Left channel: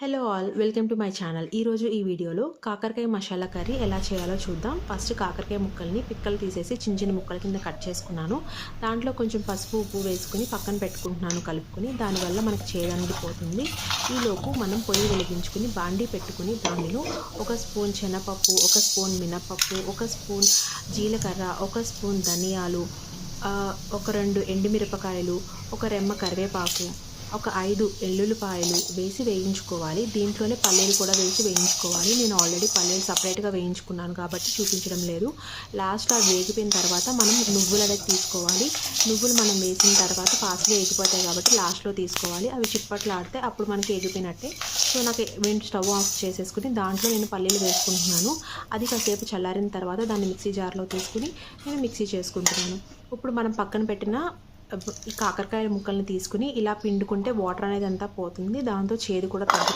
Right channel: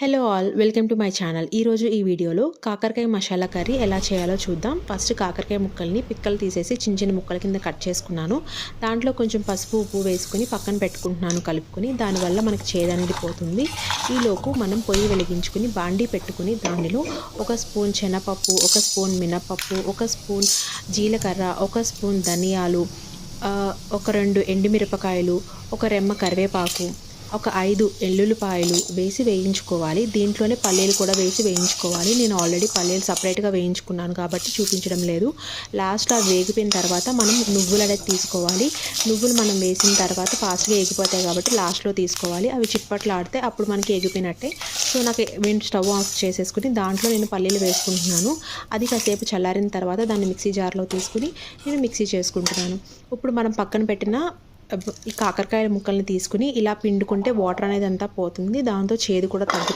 Hello all, welcome to my channel. ఈరోజు ఈ వీడియోలో కాకరకాయ మసాలా కర్రీ ఎలా చేయాలో చూద్దాం. ఫస్ట్ కాకరకాయ ముక్కల్ని పిక్కలు తీసేసి చిన్న చిన్న ముక్కల కింద కట్ చేసుకున్నాను. దాంట్లో కొంచెం పసుపు ఉప్పు వేసుకొని పక్కన పెట్టుకుంటున్నాను కలుపుకొని. దానివల్ల మనకి చేదనేది పోతుంది. ఈలోపు మనం పొయ్యి వెలిగించుకుని బాండీ పెట్టుకుని దానిలో 1 స్పూన్ శనగపప్పు, 1 స్పూన్ మినపప్పు, 1 స్పూన్ జీలకర్ర, 1 స్పూన్ ధనియాలు, ఒక 2 ఎండుమిరపకాయలు, ఒక రెమ్మ కరివేపాకు, ఒక 5 ఎల్లుల్లిపాయలు వేసి వేయించుకోవాలి. దీంట్లోనే పల్లీలు కూడా వేసి వేయించుకోవాలి. నేను ఆల్రెడీ పల్లీలు సపరేట్గా వేయించుకున్నాను కాబట్టి చూపించడం లేదు. లాస్ట్లో అవి వేగిపోయిన తర్వాత మనం నువ్వులు అనేది తీసుకోవాలి. నువ్వులు మనం వేసిన తర్వాత ఫాస్ట్గా ఎగిపోతాయి కాబట్టి లాస్ట్లో తీసుకోవాలి. అవి చిప్పట్లు ఆడితే అప్పుడు మనకి ఎగిపోయినట్టే. సో నాకు స్టవ్ ఆఫ్ చేసేసుకుని దాంట్లో నేను పల్లీలు వేసుకుంటున్నాను. అది కాసేపు చల్లారిన తర్వాత దాన్ని మిక్సీ జార్లో తీసుకుని నేను మిక్సీ చేసుకుంటున్నాను. ఇప్పుడు మనం పక్కన పెట్టిన ఈ కాకరకాయ ముక్కల్ని తీసుకుని ఇలా పిండుకుంటే వాటర్ అనేది అంతా పోతుంది. దాంతో చేదు కూడా తగ్గుతుంది.